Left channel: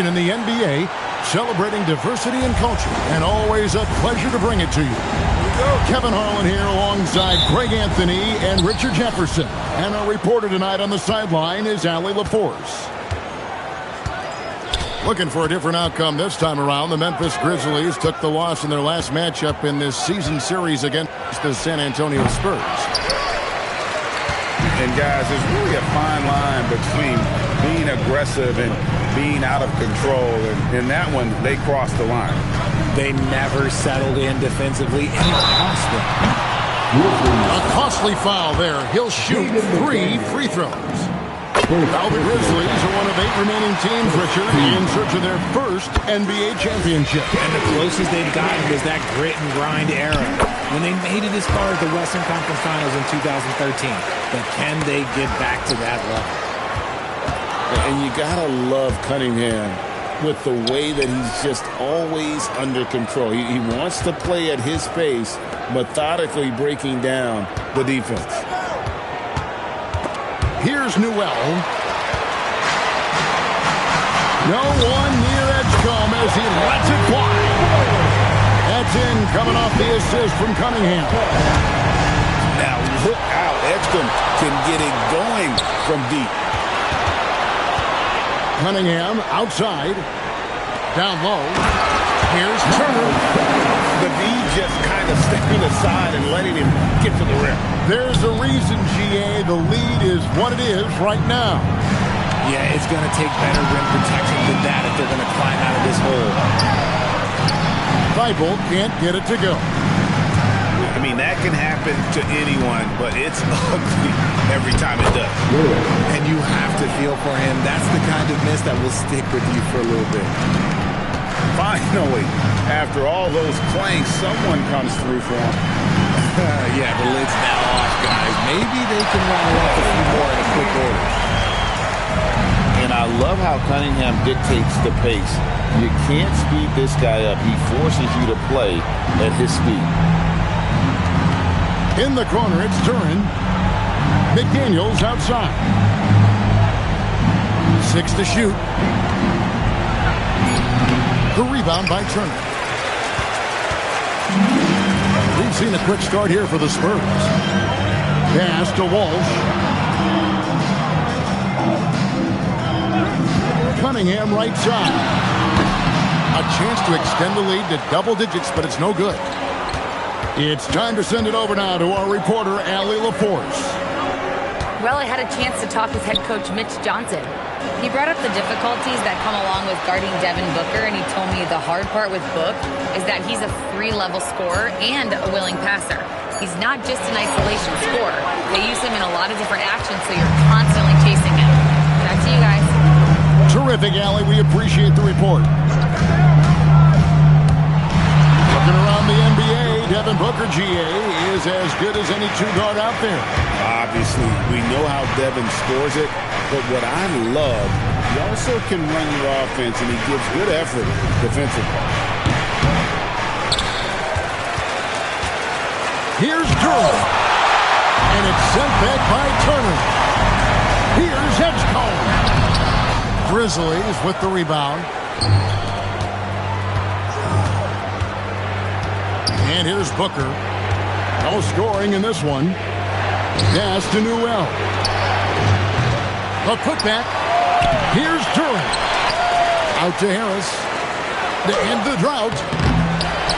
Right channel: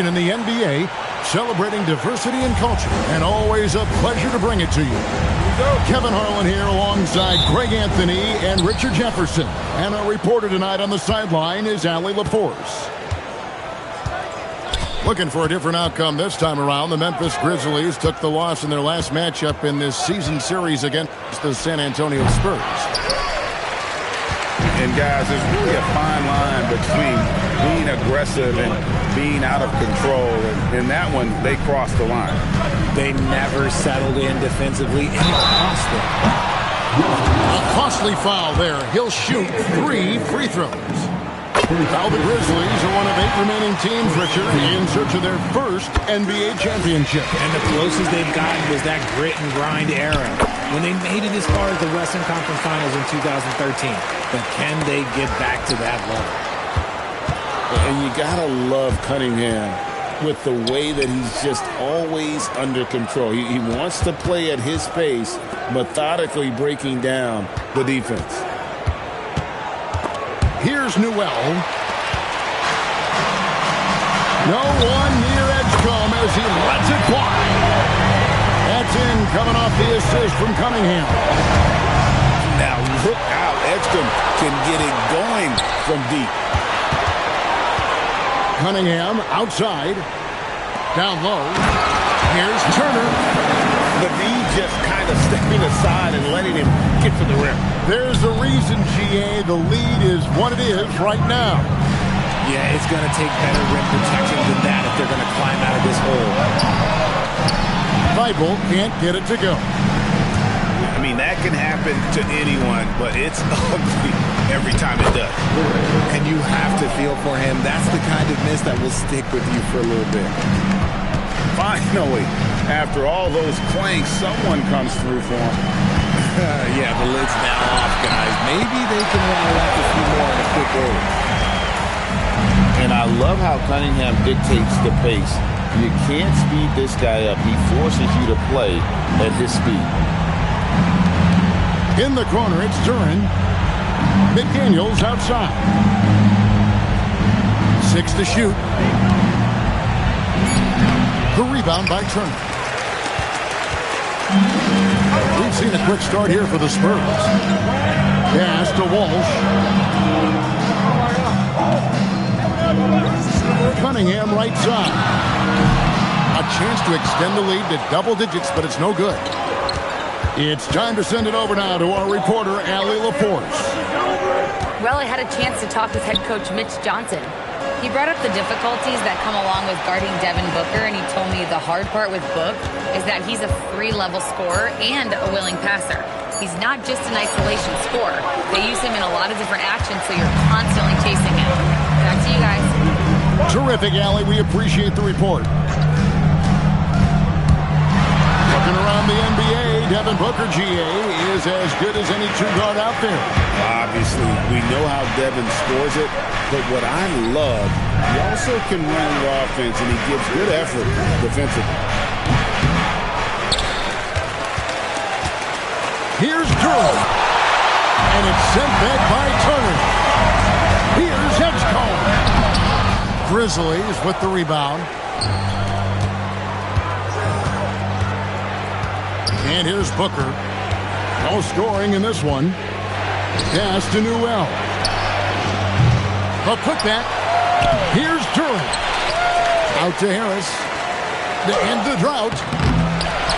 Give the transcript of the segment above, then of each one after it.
tradition in the NBA, celebrating diversity and culture, and always a pleasure to bring it to you. Here we go. Kevin Harlan here alongside Greg Anthony and Richard Jefferson. And our reporter tonight on the sideline is Allie LaForce. Looking for a different outcome this time around. The Memphis Grizzlies took the loss in their last matchup in this season series against the San Antonio Spurs. And guys, there's really a fine line between being aggressive and being out of control. And in that one, they crossed the line. They never settled in defensively, and it cost them. A costly foul there. He'll shoot 3 free throws. Now the Grizzlies are one of 8 remaining teams, Richard, in search of their first NBA championship. And the closest they've gotten was that grit and grind era, when they made it as far as the Western Conference Finals in 2013. But can they get back to that level? And you gotta love Cunningham with the way that he's just always under control. He wants to play at his pace, methodically breaking down the defense. Here's Newell. No one near Edgecombe as he lets it fly. That's in, coming off the assist from Cunningham. Now look out. Edgecombe can get it going from deep. Cunningham outside. Down low. Here's Turner. The D just kind of stepping aside and letting him get to the rim. There's a reason, GA, the lead is what it is right now. Yeah, it's going to take better rim protection than that if they're going to climb out of this hole. Thibault can't get it to go. I mean, that can happen to anyone, but it's ugly every time it does. And you have to feel for him. That's the kind of miss that will stick with you for a little bit. Finally, after all those clanks, someone comes through for him. Yeah, the lid's now off, guys. Maybe they can rattle off a few more in a quick order. And I love how Cunningham dictates the pace. You can't speed this guy up. He forces you to play at his speed. In the corner, it's Duran. McDaniels outside. 6 to shoot. The rebound by Turner. We've seen a quick start here for the Spurs. Pass to Walsh. Cunningham right side. A chance to extend the lead to double digits, but it's no good. It's time to send it over now to our reporter, Allie LaForce. Well, I had a chance to talk with head coach Mitch Johnson. He brought up the difficulties that come along with guarding Devin Booker, and he told me the hard part with Book is that he's a 3-level scorer and a willing passer. He's not just an isolation scorer. They use him in a lot of different actions, so you're constantly chasing him. Back to you guys. Terrific, Allie. We appreciate the report. Looking around the NBA, Devin Booker, GA, is as good as any 2-guard out there. Obviously, we know how Devin scores it, but what I love, he also can run your offense, and he gives good effort defensively. Here's Durham, and it's sent back by Turner. Here's Edgecombe. Grizzlies with the rebound. And here's Booker. No scoring in this one. Pass to Newell. The putback. Here's Duran. Out to Harris. To end the drought.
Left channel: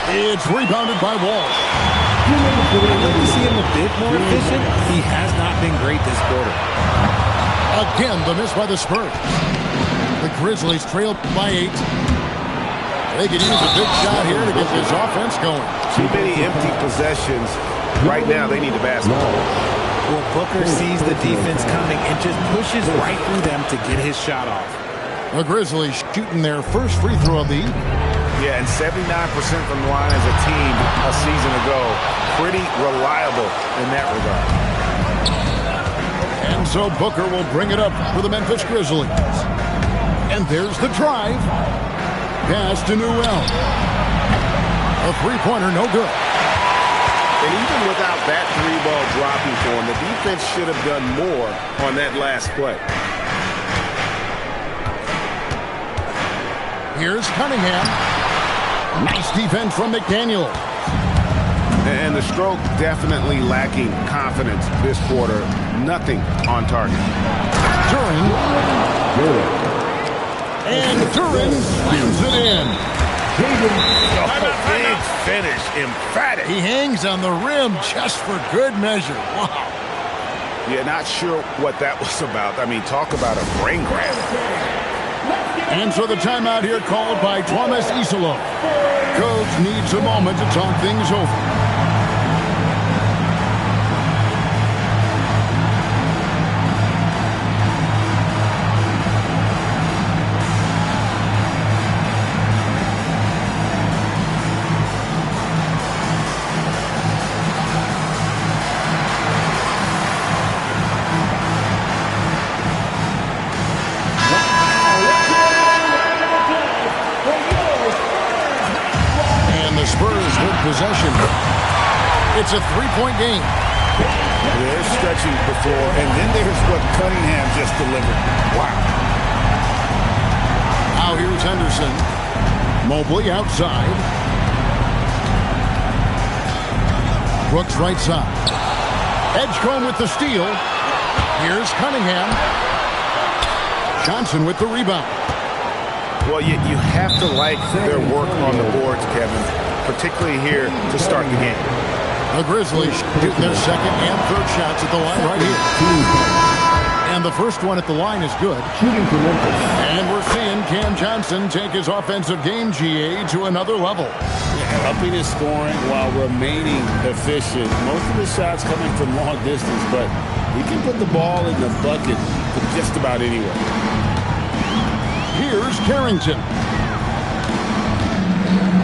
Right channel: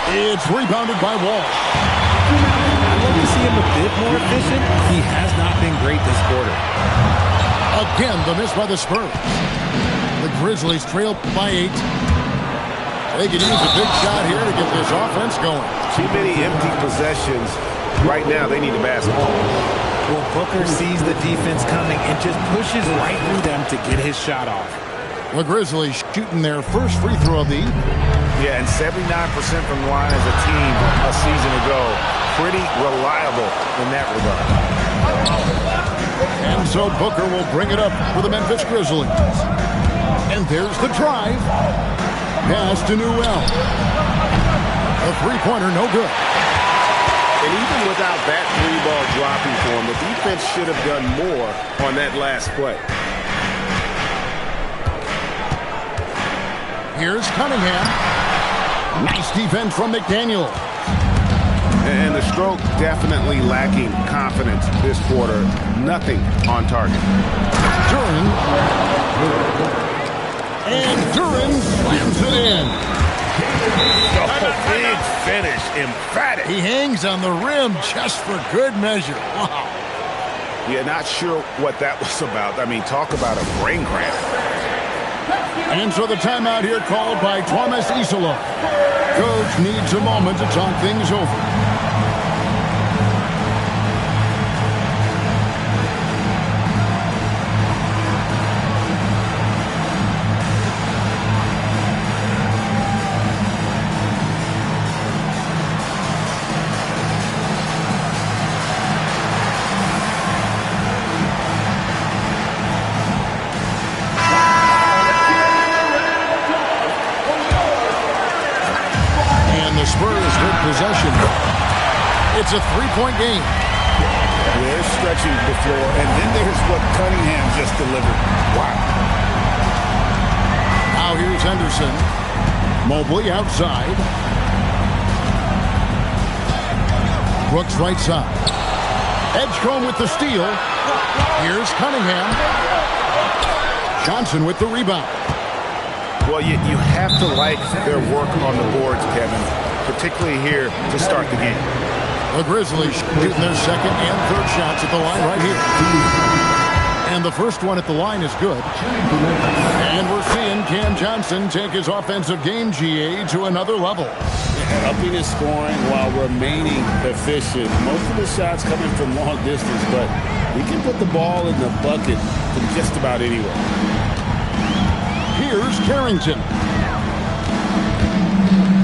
It's rebounded by Walsh. I'd like to see him a bit more efficient. He has not been great this quarter. Again, the miss by the Spurs. The Grizzlies trail by 8. They could use a big shot here to get this offense going. Too many empty possessions. Right now, they need a basket. Well, Booker sees the defense coming and just pushes right through them to get his shot off. The Grizzlies shooting their first free throw of the evening. Yeah, and 79% from the line as a team a season ago. Pretty reliable in that regard. And so Booker will bring it up for the Memphis Grizzlies. And there's the drive. Pass to Newell. A three-pointer, no good. And even without that 3-ball dropping for him, the defense should have done more on that last play. Here's Cunningham. Nice defense from McDaniel. And the stroke definitely lacking confidence this quarter. Nothing on target. Duran. And Duran slams it in. Big finish. Emphatic. He hangs on the rim just for good measure. Wow. Yeah, not sure what that was about. I mean, talk about a brain cramp. And so the timeout here called by Thomas Isola. Coach needs a moment to talk things over. Spurs with possession. It's a three-point game. They're stretching the floor, and then there's what Cunningham just delivered. Wow. Now here's Henderson. Mobley outside. Brooks right side. Edgecombe with the steal. Here's Cunningham. Johnson with the rebound. Well, you have to like their work on the boards, Kevin, particularly here to start the game. The Grizzlies shooting their second and third shots at the line right here. And the first one at the line is good. And we're seeing Cam Johnson take his offensive game, GA, to another level. Yeah, upping his scoring while remaining efficient. Most of the shots coming from long distance, but he can put the ball in the bucket from just about anywhere. Here's Carrington.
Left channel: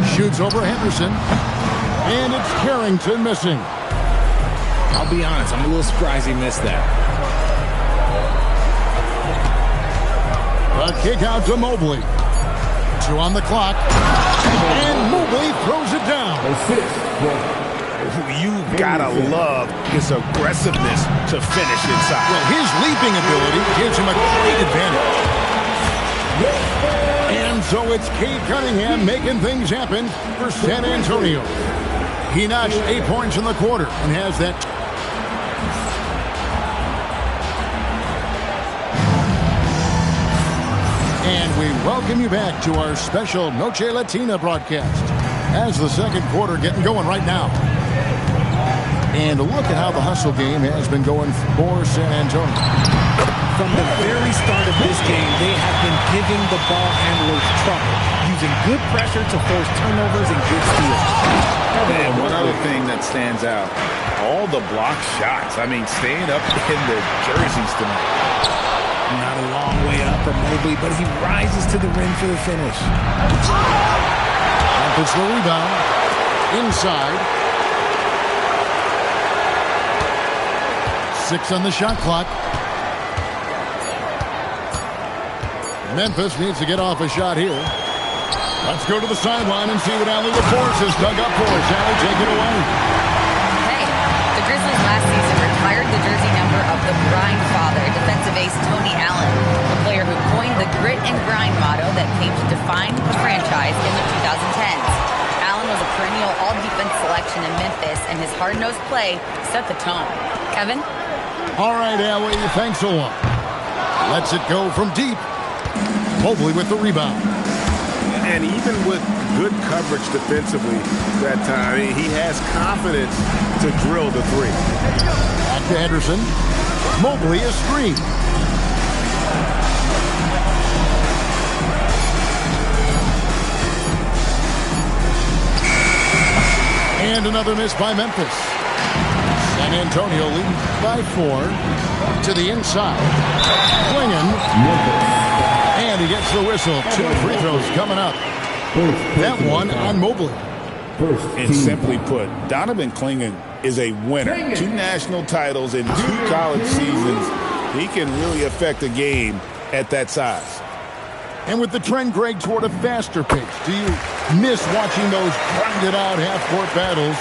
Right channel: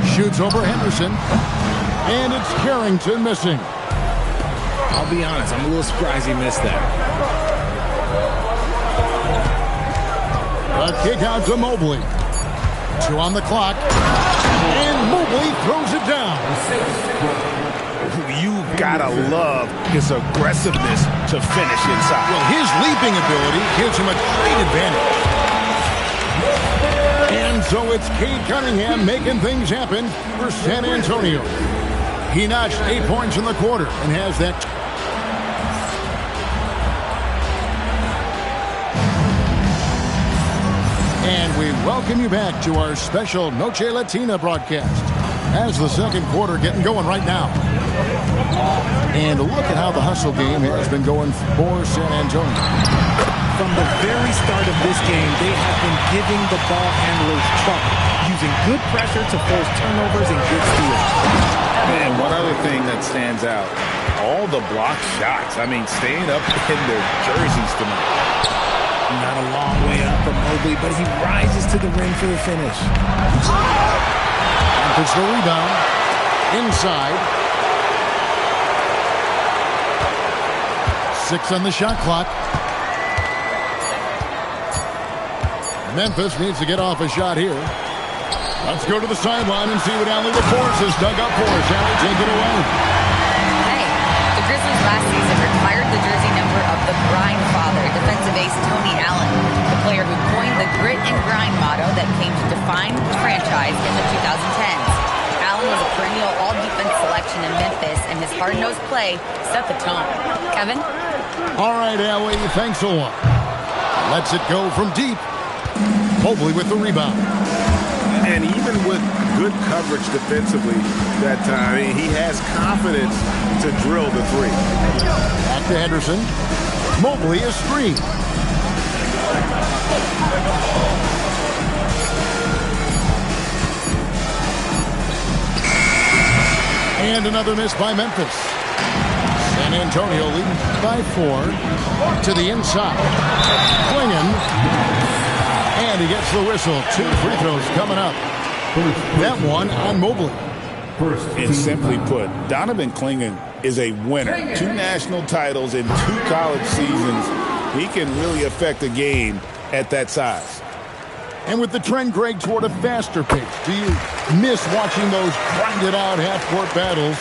Shoots over Henderson. And it's Carrington missing. I'll be honest, I'm a little surprised he missed that. A kick out to Mobley. 2 on the clock. And Mobley throws it down. You gotta love his aggressiveness to finish inside. Well, his leaping ability gives him a great advantage. And so it's Cade Cunningham making things happen for San Antonio. He notched 8 points in the quarter and has that. And we welcome you back to our special Noche Latina broadcast as the second quarter getting going right now. And look at how the hustle game has been going for San Antonio. From the very start of this game, they have been giving the ball handlers trouble, using good pressure to force turnovers and good steals. And one other thing that stands out, all the block shots. I mean, staying up in their jerseys tonight. Not a long way up for Mobley, but he rises to the rim for the finish. And puts the rebound inside. 6 on the shot clock. Memphis needs to get off a shot here. Let's go to the sideline and see what Allie LaForce has dug up for us. Allie, take it away. Hey, the Grizzlies last season retired the jersey number of the grind father, defensive ace Tony Allen, the player who coined the grit and grind motto that came to define the franchise in the 2010s. Allen was a perennial all-defense selection in Memphis, and his hard-nosed play set the tone. Kevin? All right, Allie, thanks a lot. Lets it go from deep. Mobley with the rebound. And even with good coverage defensively that time, he has confidence to drill the three. Back to Henderson. Mobley a screen. And another miss by Memphis. San Antonio leading by 4 to the inside. Klingen. And he gets the whistle. 2 free throws coming up. That one on Mobley. And simply put, Donovan Klingen is a winner. 2 national titles in 2 college seasons. He can really affect a game at that size. And with the trend, Greg, toward a faster pace, do you miss watching those grinded-out half-court battles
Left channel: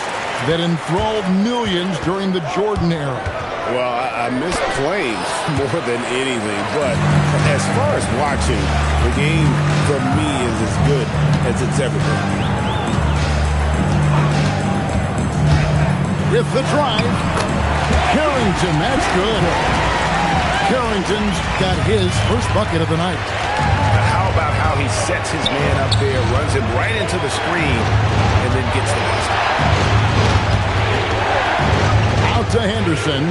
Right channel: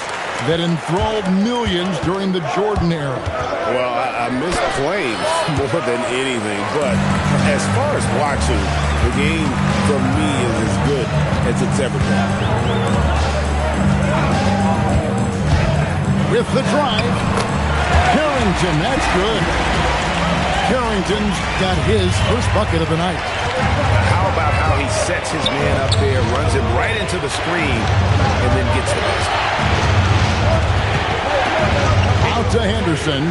that enthralled millions during the Jordan era? Well, I miss playing more than anything, but as far as watching, the game from me, is as good as it's ever been. With the drive, Carrington, that's good. Carrington's got his first bucket of the night. Now how about how he sets his man up there, runs him right into the screen, and then gets the basket. Out to Henderson,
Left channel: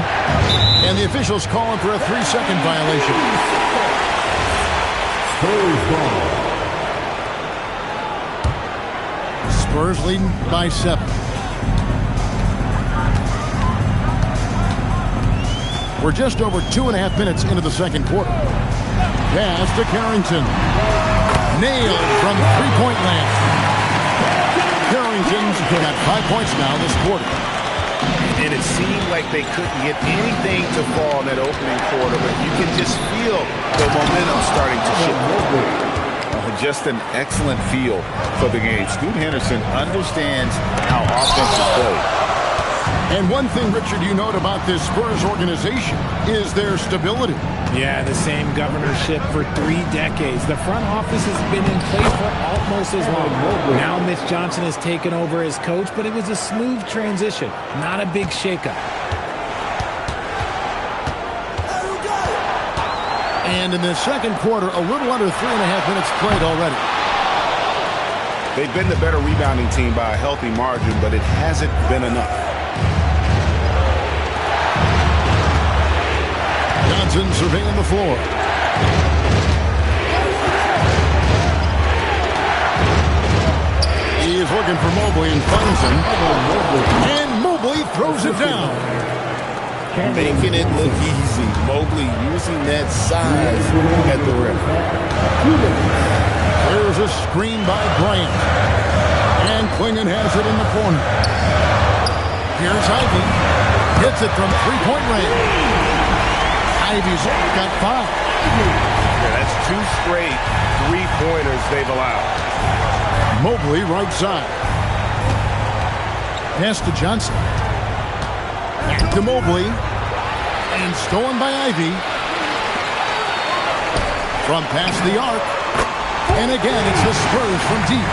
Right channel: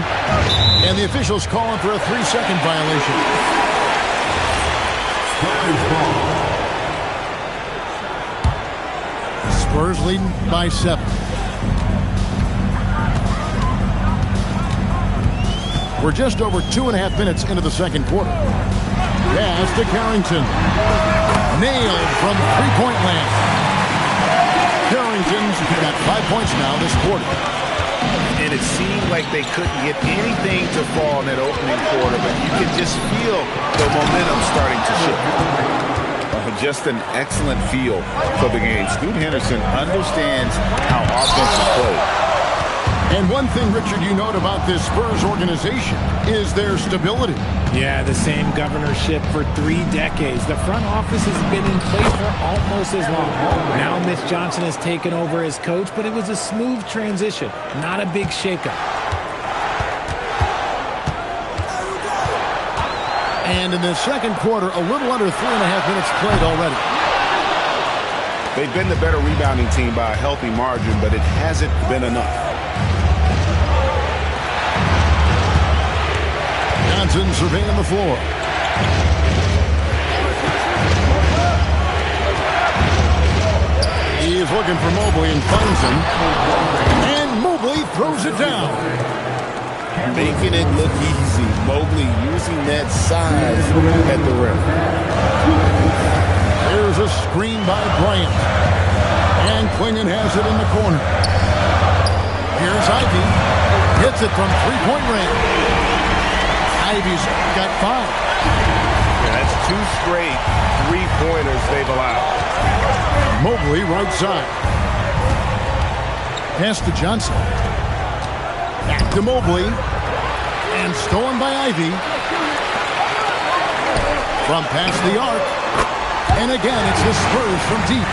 and the officials calling for a 3-second violation. Spurs leading by 7. We're just over 2.5 minutes into the second quarter. Pass to Carrington. Nailed from three-point land. Carrington's got 5 points now this quarter. And it seemed like they couldn't get anything to fall in that opening quarter, but you can just feel the momentum starting to shift. Just an excellent feel for the game. Scoot Henderson understands how offense is played. And one thing, Richard, you note about this Spurs organization is their stability. Yeah, the same governorship for 3 decades. The front office has been in place for almost as long. Now Mitch Johnson has taken over as coach, but it was a smooth transition, not a big shakeup. And in the second quarter, a little under 3.5 minutes played already. They've been the better rebounding team by a healthy margin, but it hasn't been enough. Johnson surveying the floor. He is looking for Mobley and finds him. And Mobley throws it down. Making it look easy. Mobley using that size at the rim. There's a screen by Bryant. And Klingon has it in the corner. Here's Ivy. Hits it from three-point range. Ivy's got 5. Yeah, that's 2 straight three-pointers they've allowed. Mobley right side. Pass to Johnson. Back to Mobley. And stolen by Ivy. From past the arc. And again, it's the Spurs from deep.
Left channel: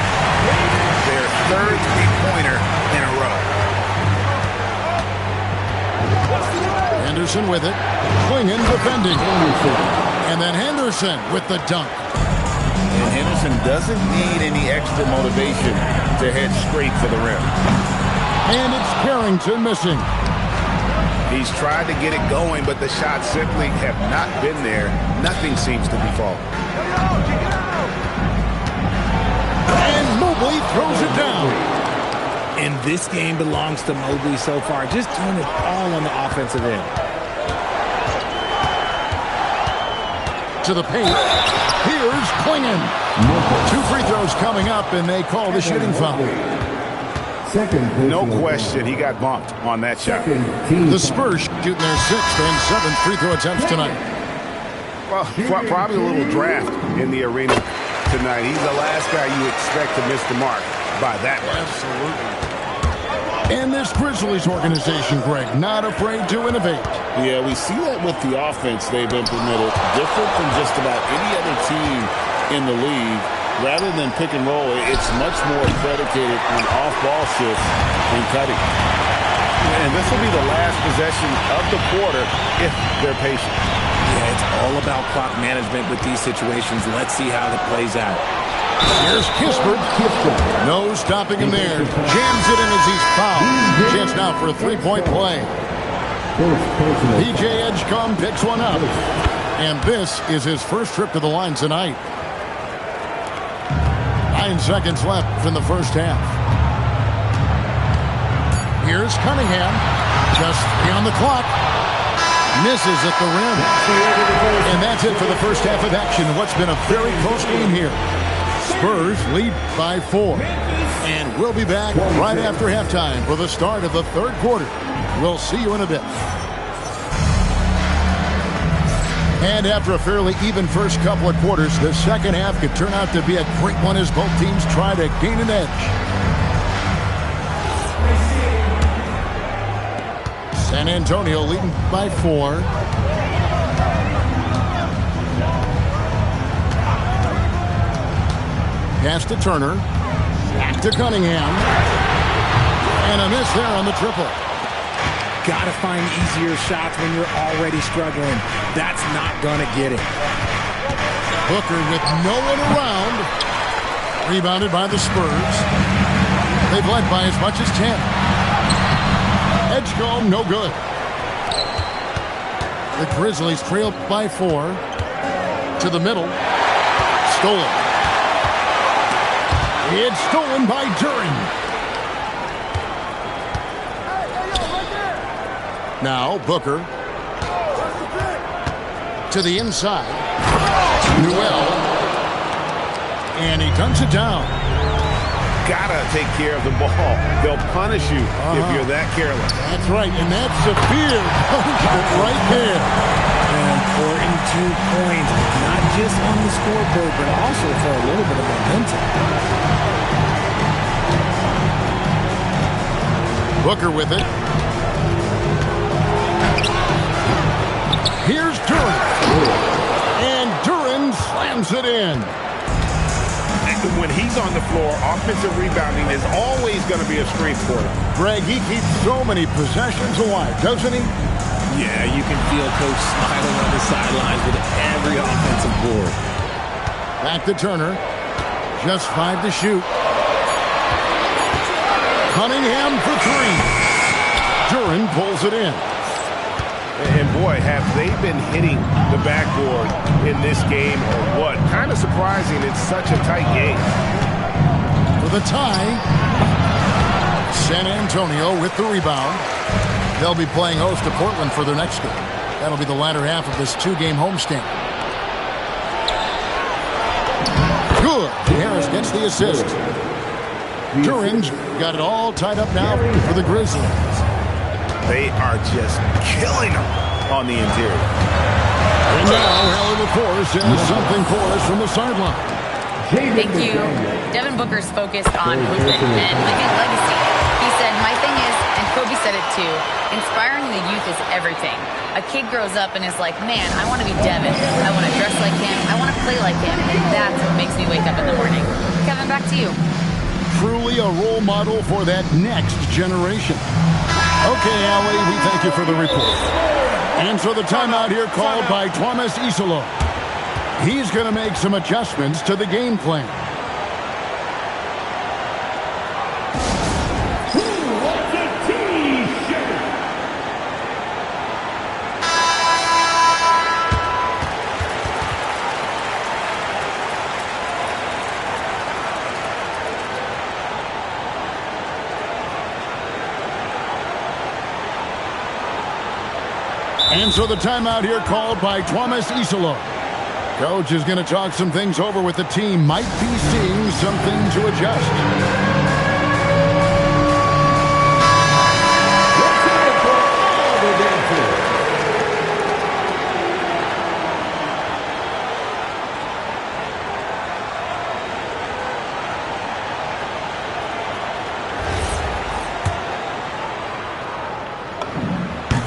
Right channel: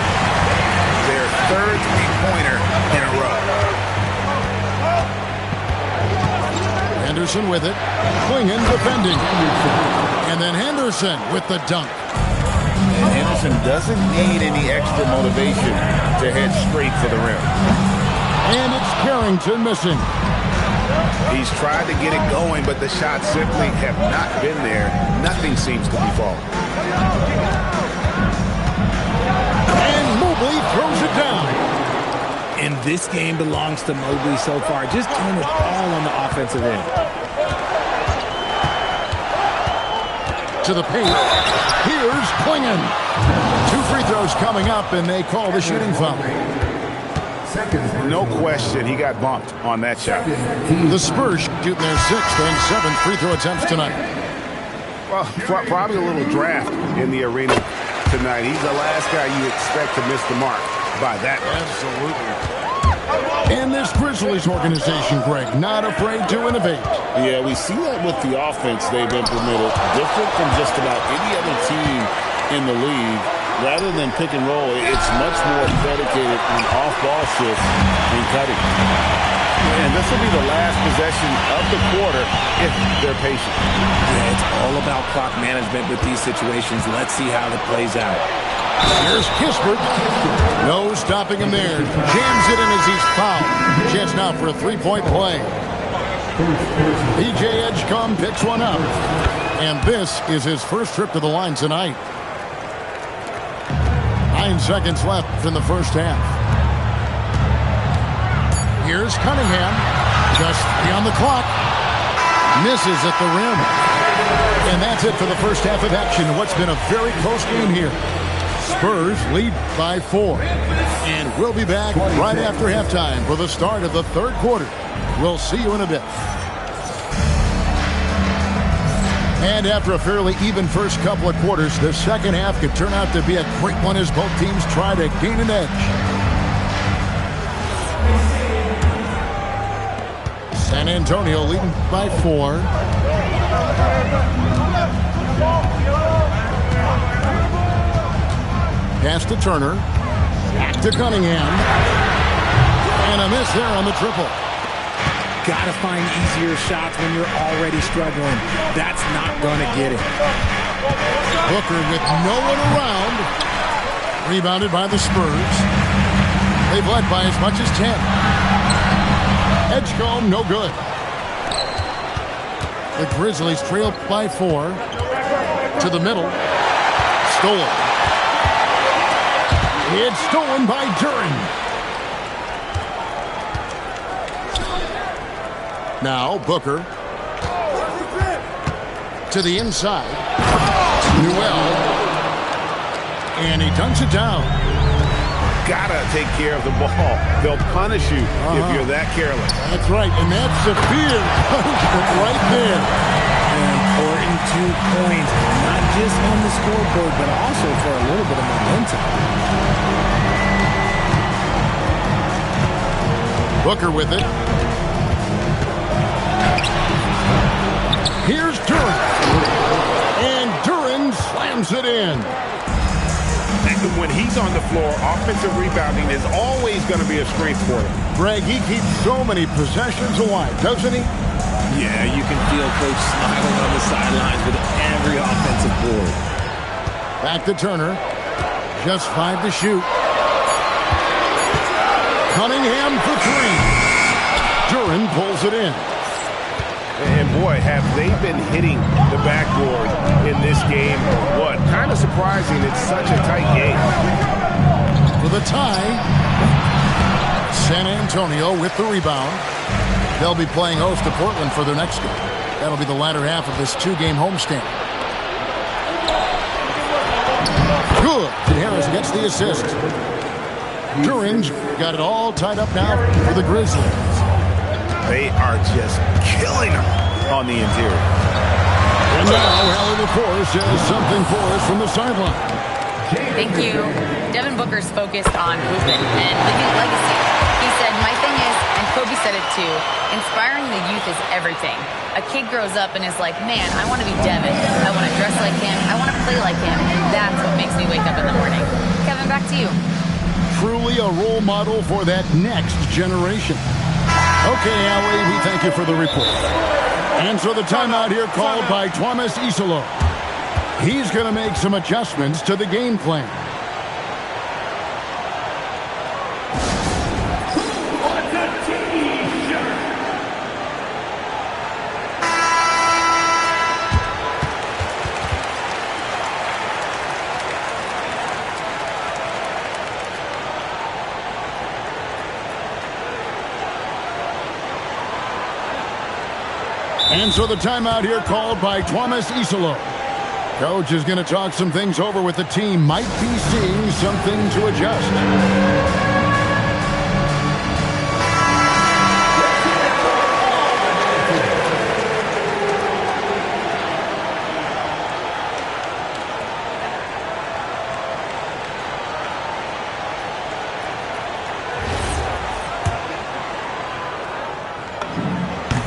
Their 3rd three-pointer in a row. Henderson with it. Klingon defending. And then Henderson with the dunk. And Henderson doesn't need any extra motivation to head straight for the rim. And it's Carrington missing. He's tried to get it going, but the shots simply have not been there. Nothing seems to be falling. And Mobley throws it down. And this game belongs to Mobley so far, just doing it all on the offensive end. To the paint. Here's Klingon. 2 free throws coming up, and they call the shooting foul. No question, he got bumped on that shot. The Spurs shooting their 6th and 7th free throw attempts tonight. Well, probably a little draft in the arena tonight. He's the last guy you expect to miss the mark by that much. Absolutely. And this Grizzlies organization, Greg, not afraid to innovate. Yeah, we see that with the offense they've implemented. Different from just about any other team in the league. Rather than pick and roll, it's much more predicated on off-ball shifts and cutting. And this will be the last possession of the quarter if they're patient. Yeah, it's all about clock management with these situations. Let's see how that plays out. Here's Kispert. No stopping him there. Jams it in as he's fouled. Chance now for a 3-point play. PJ Edgecombe picks one up. And this is his first trip to the line tonight. 9 seconds left in the first half. Here's Cunningham. Just 3 on the clock. Misses at the rim. And that's it for the first half of action. What's been a very close game here. Spurs lead by 4. And we'll be back right after halftime for the start of the third quarter. We'll see you in a bit. And after a fairly even first couple of quarters, the second half could turn out to be a great one as both teams try to gain an edge. San Antonio leading by 4. Pass to Turner. Back to Cunningham. And a miss there on the triple. Got to find easier shots when you're already struggling. That's not going to get it. Booker with no one around. Rebounded by the Spurs. They've led by as much as 10. Edgecombe, no good. The Grizzlies trail by 4. To the middle. Stolen. It's stolen by Duren. Now Booker. To the inside. Newell. And he dunks it down. Gotta take care of the ball. They'll punish you if you're that careless. That's right, and that's severe punishment right there. An important 2 points, not just on the scoreboard, but also for a little bit of momentum. Booker with it. Here's Duren. And Duren slams it in. When he's on the floor, offensive rebounding is always going to be a strength for them. Greg, he keeps so many possessions alive, doesn't he? Yeah, you can feel Coach smiling on the sidelines with every offensive board. Back to Turner. Just 5 to shoot. Cunningham for 3. Duren pulls it in. And boy, have they been hitting the backboard in this game or what? Kind of surprising. It's such a tight game. For the tie. San Antonio with the rebound. They'll be playing host to Portland for their next game. That'll be the latter half of this 2-game homestand. Good. And Harris gets the assist. Duren's got it all tied up now for the Grizzlies. They are just killing them on the interior. And now Hallie LaForce has something for us from the sideline. Thank you. Devin Booker's focused on hooping and leaving a legacy. He said, my thing is, and Kobe said it too, inspiring the youth is everything. A kid grows up and is like, man, I want to be Devin. I want to dress like him. I want to play like him. And that's what makes me wake up in the morning. Kevin, back to you. Truly a role model for that next generation. Okay, Allie, we thank you for the report. And so the timeout here called by Thomas Isolo. He's going to make some adjustments to the game plan. And so the timeout here called by Thomas Isolo. Coach is going to talk some things over with the team. Might be seeing something to adjust.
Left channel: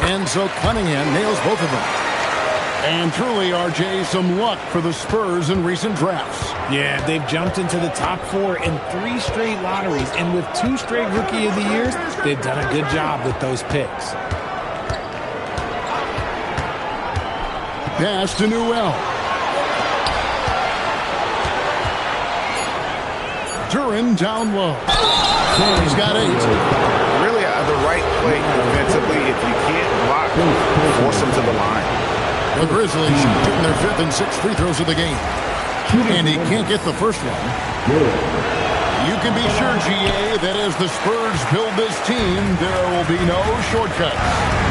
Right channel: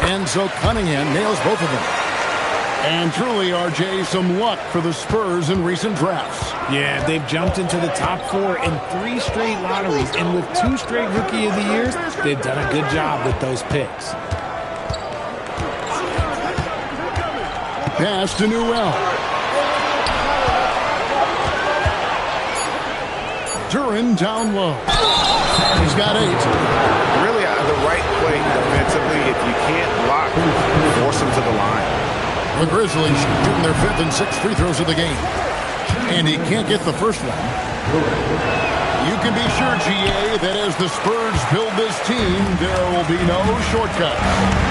And so Cunningham nails both of them. And truly, RJ, some luck for the Spurs in recent drafts. Yeah, they've jumped into the top 4 in 3 straight lotteries. And with 2 straight Rookie of the Years, they've done a good job with those picks. Pass to Newell. Duren down low. And he's got 8. Really the right play defensively. If you can't block, force them to the line. The Grizzlies shooting their 5th and 6th free throws of the game. And he can't get the first one. You can be sure, GA, that as the Spurs build this team, there will be no shortcuts.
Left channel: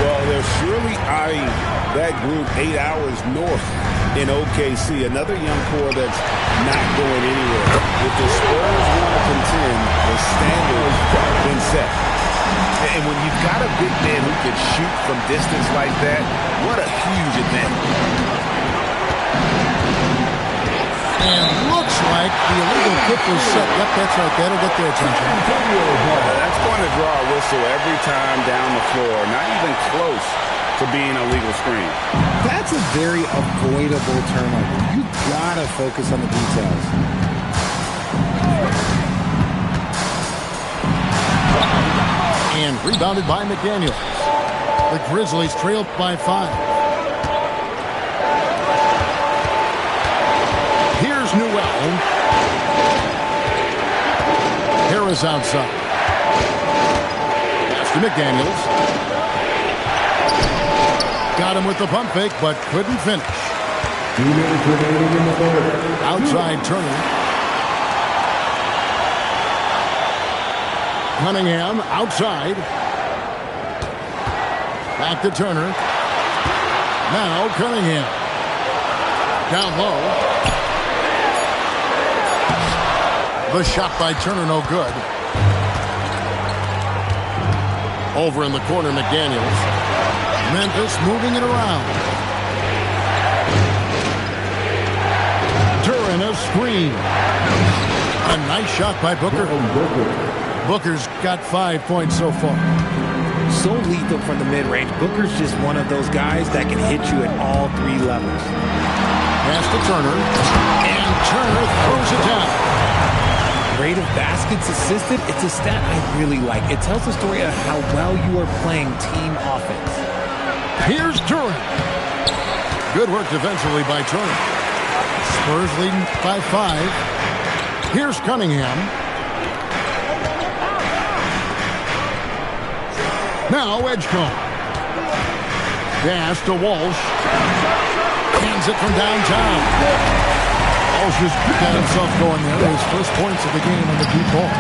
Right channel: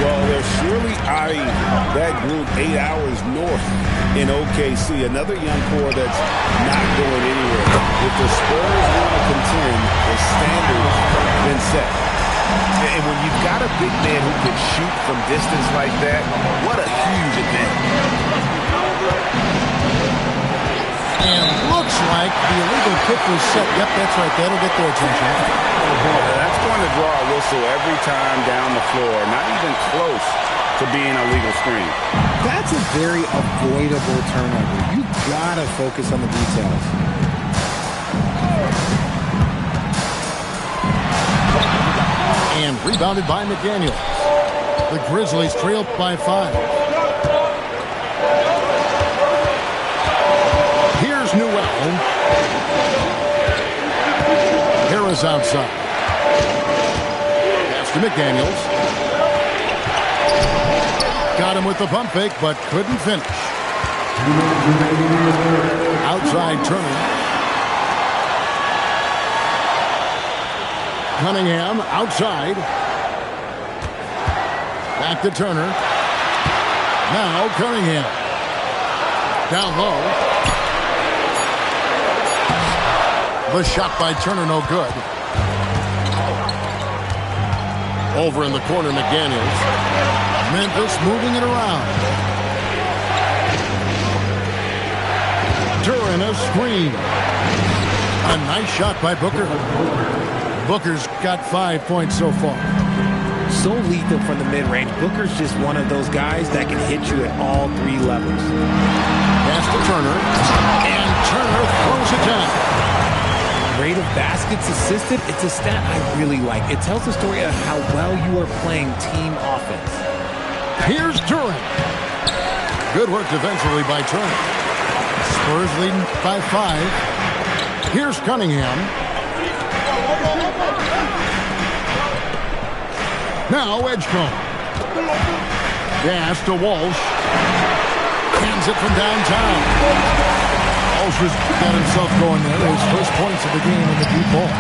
Well, they're surely eyeing that group 8 hours north in OKC. Another young core that's not going anywhere. If the Spurs want to contend, the standard's been set. And when you've got a big man who can shoot from distance like that, what a huge advantage. And looks like the illegal kick was set. Yep, that's right. That'll get their attention. That's going to draw a whistle every time down the floor. Not even close to being a legal screen. That's a very avoidable turnover. You got to focus on the details. And rebounded by McDaniels. The Grizzlies trail by 5. Here's Newell. Harris outside. Pass to McDaniels. Got him with the pump fake, but couldn't finish. Outside Turner. Cunningham outside. Back to Turner. Now Cunningham. Down low. The shot by Turner no good. Over in the corner, McDaniels. Memphis moving it around. Duran a screen. A nice shot by Booker. Booker's got 5 points so far. So lethal from the mid-range. Booker's just one of those guys that can hit you at all 3 levels. Pass to Turner. And Turner throws it down. Rate of baskets assisted, it's a stat I really like. It tells the story of how well you are playing team offense. Here's Duran. Good work defensively by Turner. Spurs leading by 5. Here's Cunningham. Now Edgecombe. Pass to Walsh. Hands it from downtown. Walsh has got himself going there. His first points of the game on the deep ball.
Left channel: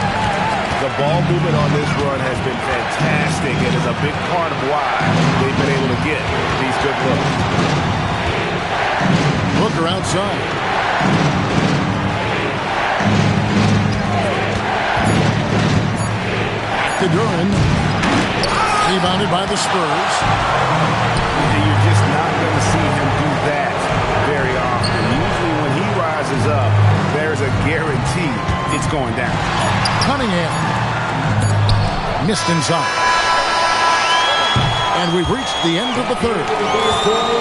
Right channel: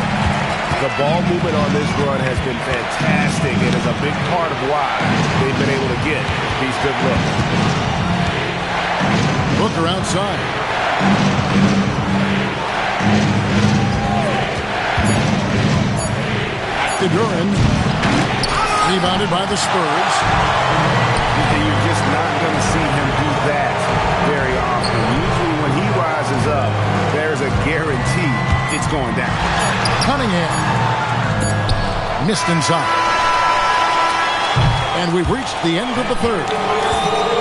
The ball movement on this run has been fantastic and is a big part of why they've been able to get these good looks. Booker outside. Back to Duran. Rebounded by the Spurs. You're just not going to see him do that very often. Usually when he rises up, there's a guarantee it's going down. Cunningham. Missed inside. And we've reached the end of the third.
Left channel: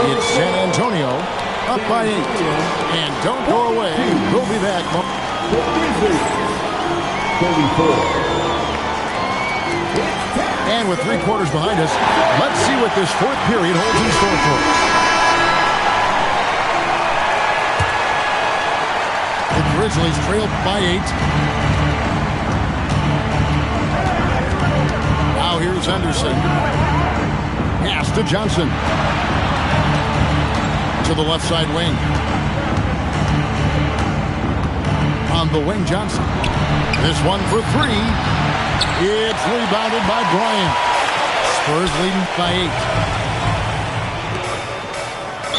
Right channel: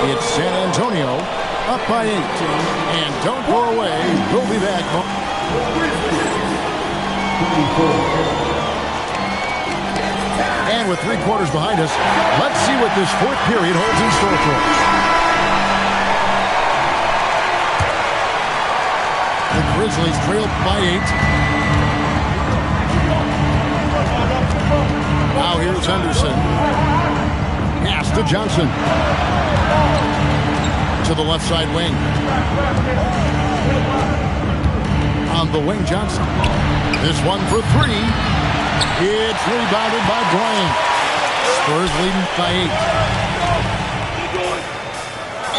It's San Antonio up by 8. And don't go away. We'll be back. And with 3 quarters behind us, let's see what this fourth period holds in store for us. The Grizzlies trail by 8. Now here's Henderson. Pass to Johnson. To the left side wing. On the wing, Johnson. This one for 3. It's rebounded by Bryant. Spurs leading by 8.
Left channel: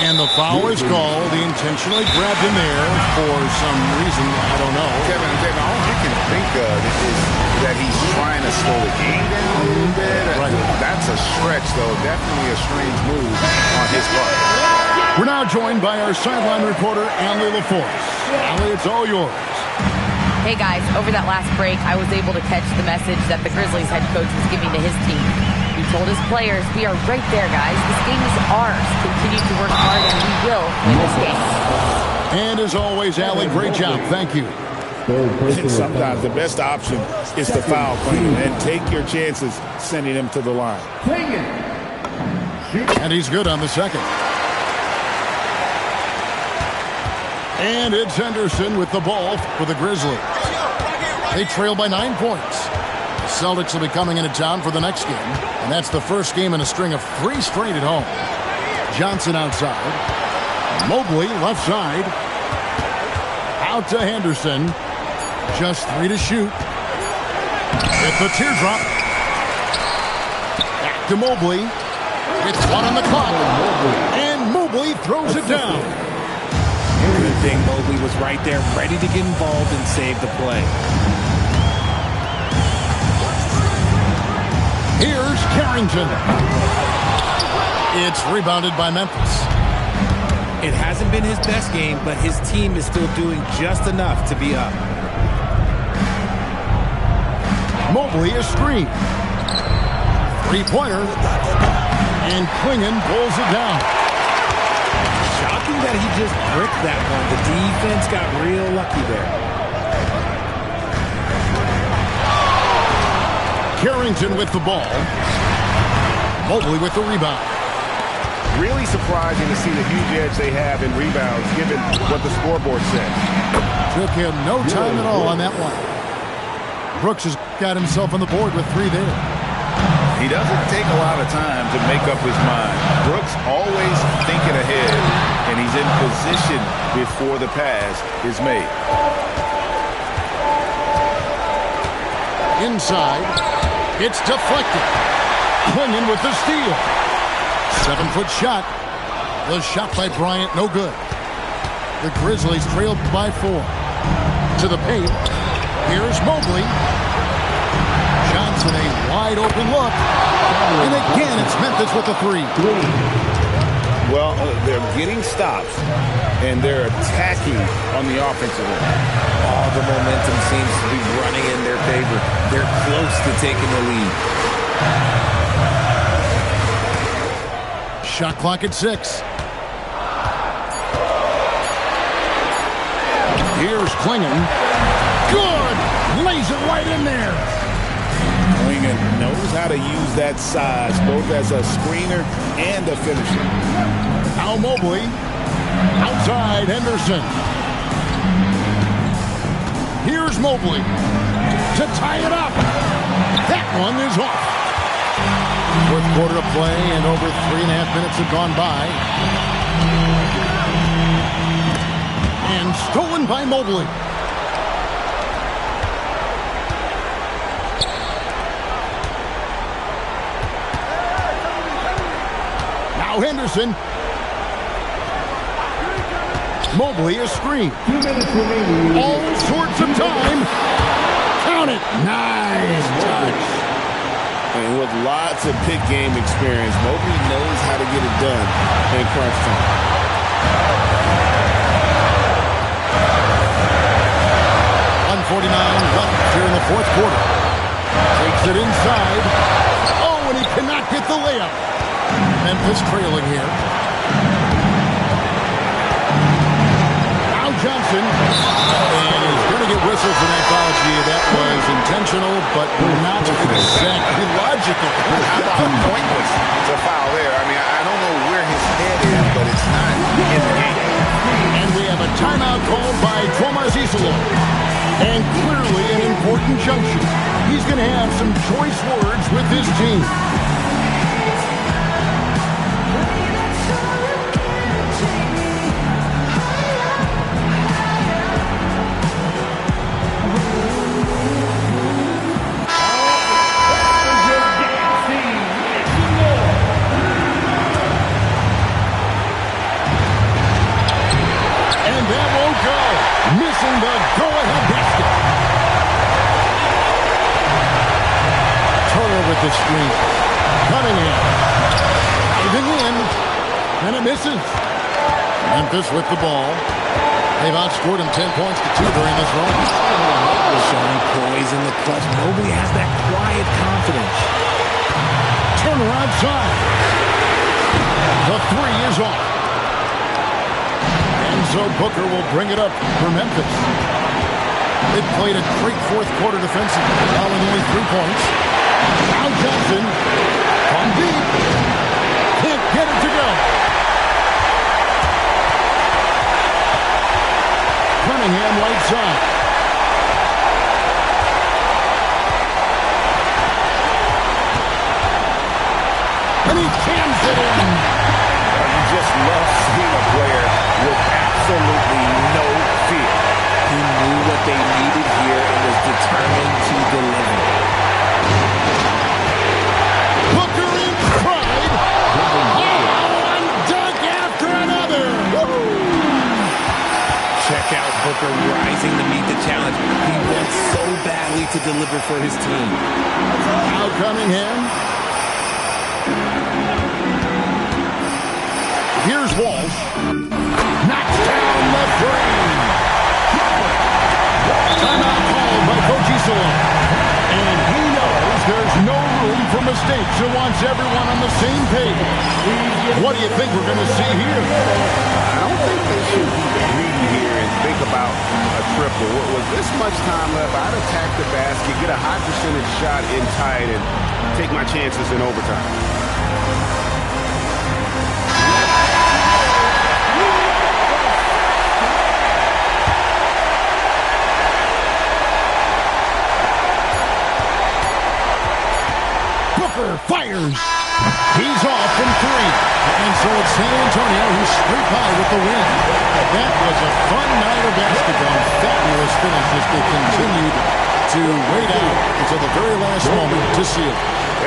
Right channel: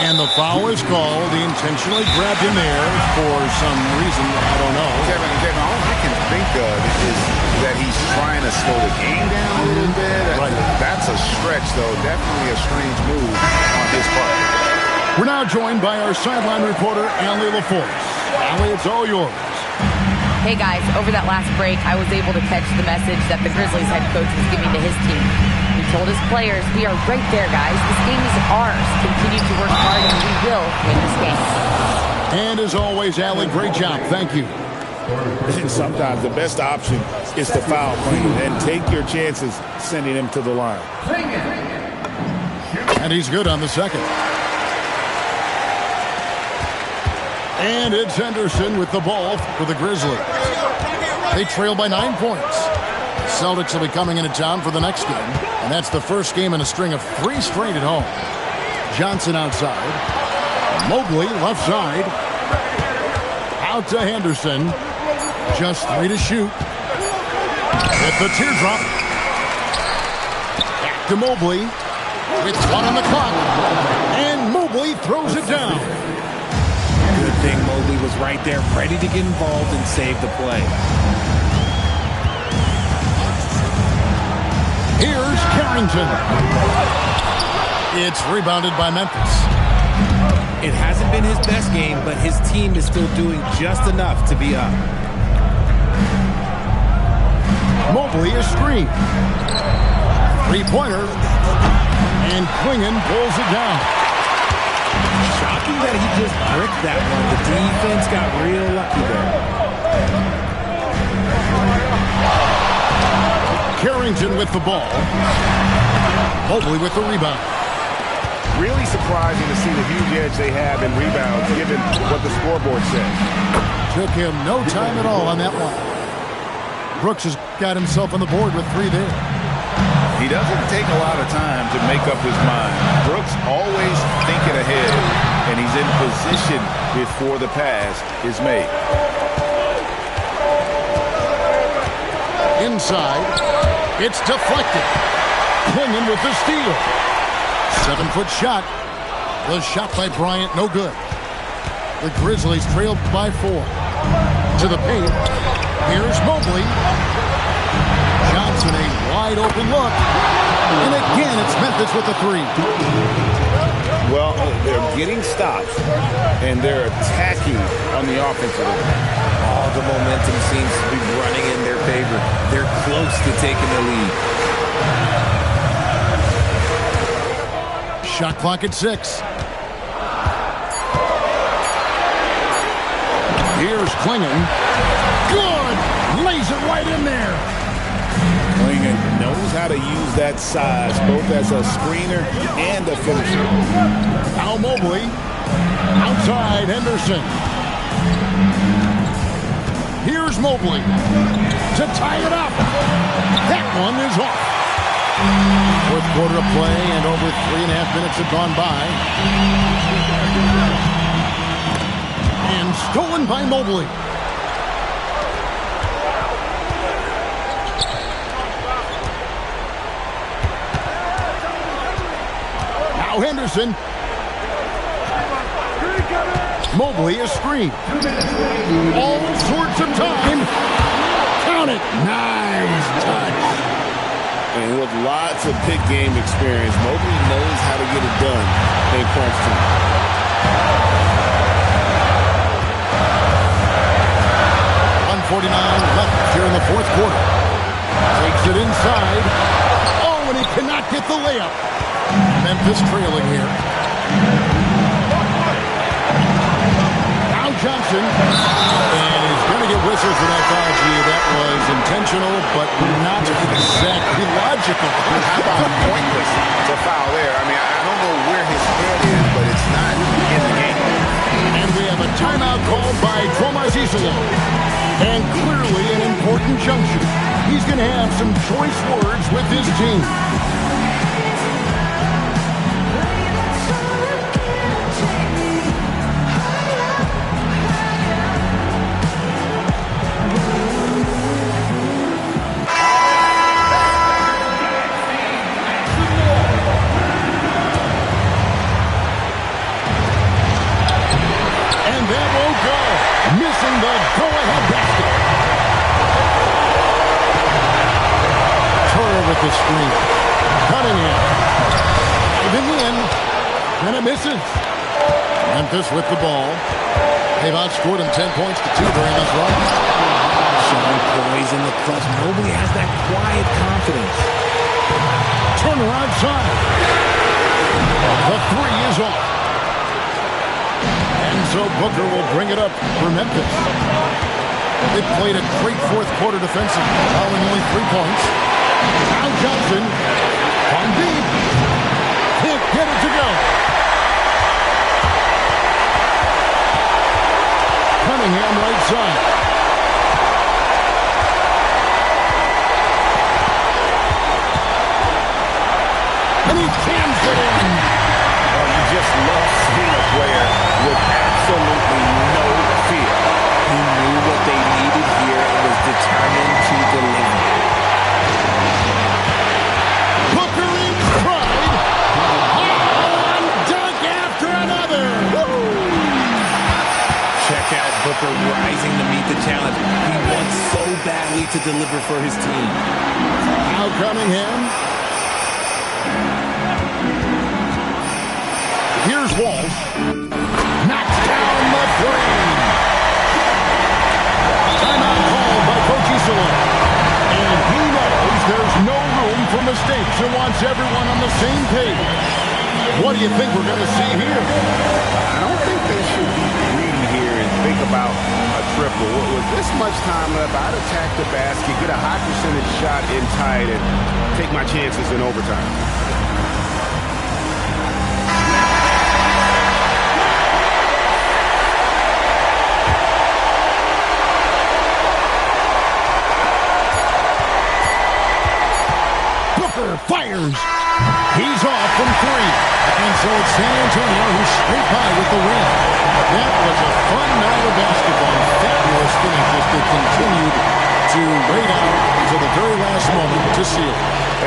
And the foul is called. He intentionally grabbed him there for some reason. I don't know. Kevin, all I can think of is that he's trying to slow the game down a little bit. Right. That's a stretch, though. Definitely a strange move on his part. We're now joined by our sideline reporter, Allie LaForce. Allie, it's all yours. Hey guys, over that last break, I was able to catch the message that the Grizzlies head coach was giving to his team. He told his players, we are right there, guys. This game is ours. Continue to work hard and we will win this game. And as always, Allie, great job. Thank you. Sometimes the best option is to foul Klinger and take your chances sending him to the line. And he's good on the second. And it's Henderson with the ball for the Grizzlies. They trail by 9 points. The Celtics will be coming into town for the next game, and that's the first game in a string of 3 straight at home. Johnson outside. Mobley left side. Out to Henderson. Just 3 to shoot. Hit the teardrop. Back to Mobley. With 1 on the clock. And Mobley throws it down. Good thing Mobley was right there, ready to get involved and save the play. Here's Carrington. It's rebounded by Memphis. It hasn't been his best game, but his team is still doing just enough to be up. Mobley is screened. 3-pointer. And Klingon pulls it down. Shocking that he just bricked that one. The defense got real lucky there. Carrington with the ball. Mobley with the rebound. Really surprising to see the huge edge they have in rebounds, given what the scoreboard says. Took him no time at all on that one. Brooks has got himself on the board with 3 there. He doesn't take a lot of time to make up his mind. Brooks always thinking ahead, and he's in position before the pass is made. Inside, it's deflected. Clingan with the steal. 7-foot shot. The shot by Bryant, no good. The Grizzlies trailed by 4. To the paint. Here's Mobley. Johnson, a wide open look. And again, it's Memphis with the 3. Well, they're getting stops, and they're attacking on the offensive end. All the momentum seems to be running in their favor. They're close to taking the lead. Shot clock at 6. Here's Clingan. Good! Lays it right in there. Clingan knows how to use that size, both as a screener and a finisher. Now Mobley. Outside Henderson. Here's Mobley to tie it up. That one is off. 4th quarter of play, and over 3.5 minutes have gone by. And stolen by Mobley. Now Henderson. Mobley is screened. All sorts of time. Count it. Nice touch. And with lots of big game experience, Mobley knows how to get it done in crunch time. 1:49 left here in the 4th quarter. Takes it inside. Oh, and he cannot get the layup. Memphis trailing here. Now Johnson. And he's going to get whistled for that foul. Gee, that was intentional, but not exactly logical. How about pointless? It's a foul there. I mean, I don't know where his head is, but it's not in the game. And we have a timeout called by Tomas Isolo. And clearly an important juncture. He's going to have some choice words with his team. That won't go. Missing the go-ahead basket. Turner with the screen. Cunningham. Diving in. And it misses. Memphis with the ball. They've outscored him 10 points to 2 during this run. Showing poise in the clutch. Mobley has that quiet confidence. Turner outside. The 3 is off. And so Booker will bring it up for Memphis. They've played a great 4th quarter defensively, allowing only 3 points. Now Johnson from deep. Can't get it to go. Cunningham right side. And he jams it in. Well, you just love seeing a player with absolutely no fear. He knew what they needed here and was determined to deliver. Booker in stride. Oh, one dunk after another. Woo! Check out Booker rising to meet the challenge. He wants so badly to deliver for his team. Now Cunningham. Here's Walsh. Knocks down the 3. Timeout called by Coach Isolo. And he knows there's no room for mistakes and wants everyone on the same page. What do you think we're going to see here? I don't think they should be greedy here and think about a triple. With this much time left, I'd attack the basket, get a high percentage shot in tight, and take my chances in overtime. Booker fires. He's off from three. And so it's San Antonio who's straight by with the win. That was a fun night of basketball and fabulous finish as they continued to wait out until the very last moment to seal it.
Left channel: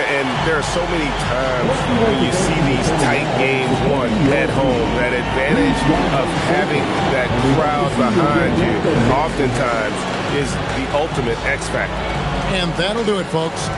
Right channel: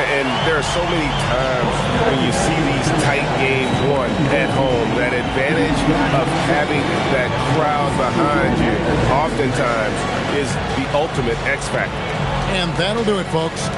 And there are so many times when you see these tight games won at home, that advantage of having that crowd behind you oftentimes is the ultimate X factor. And that'll do it, folks.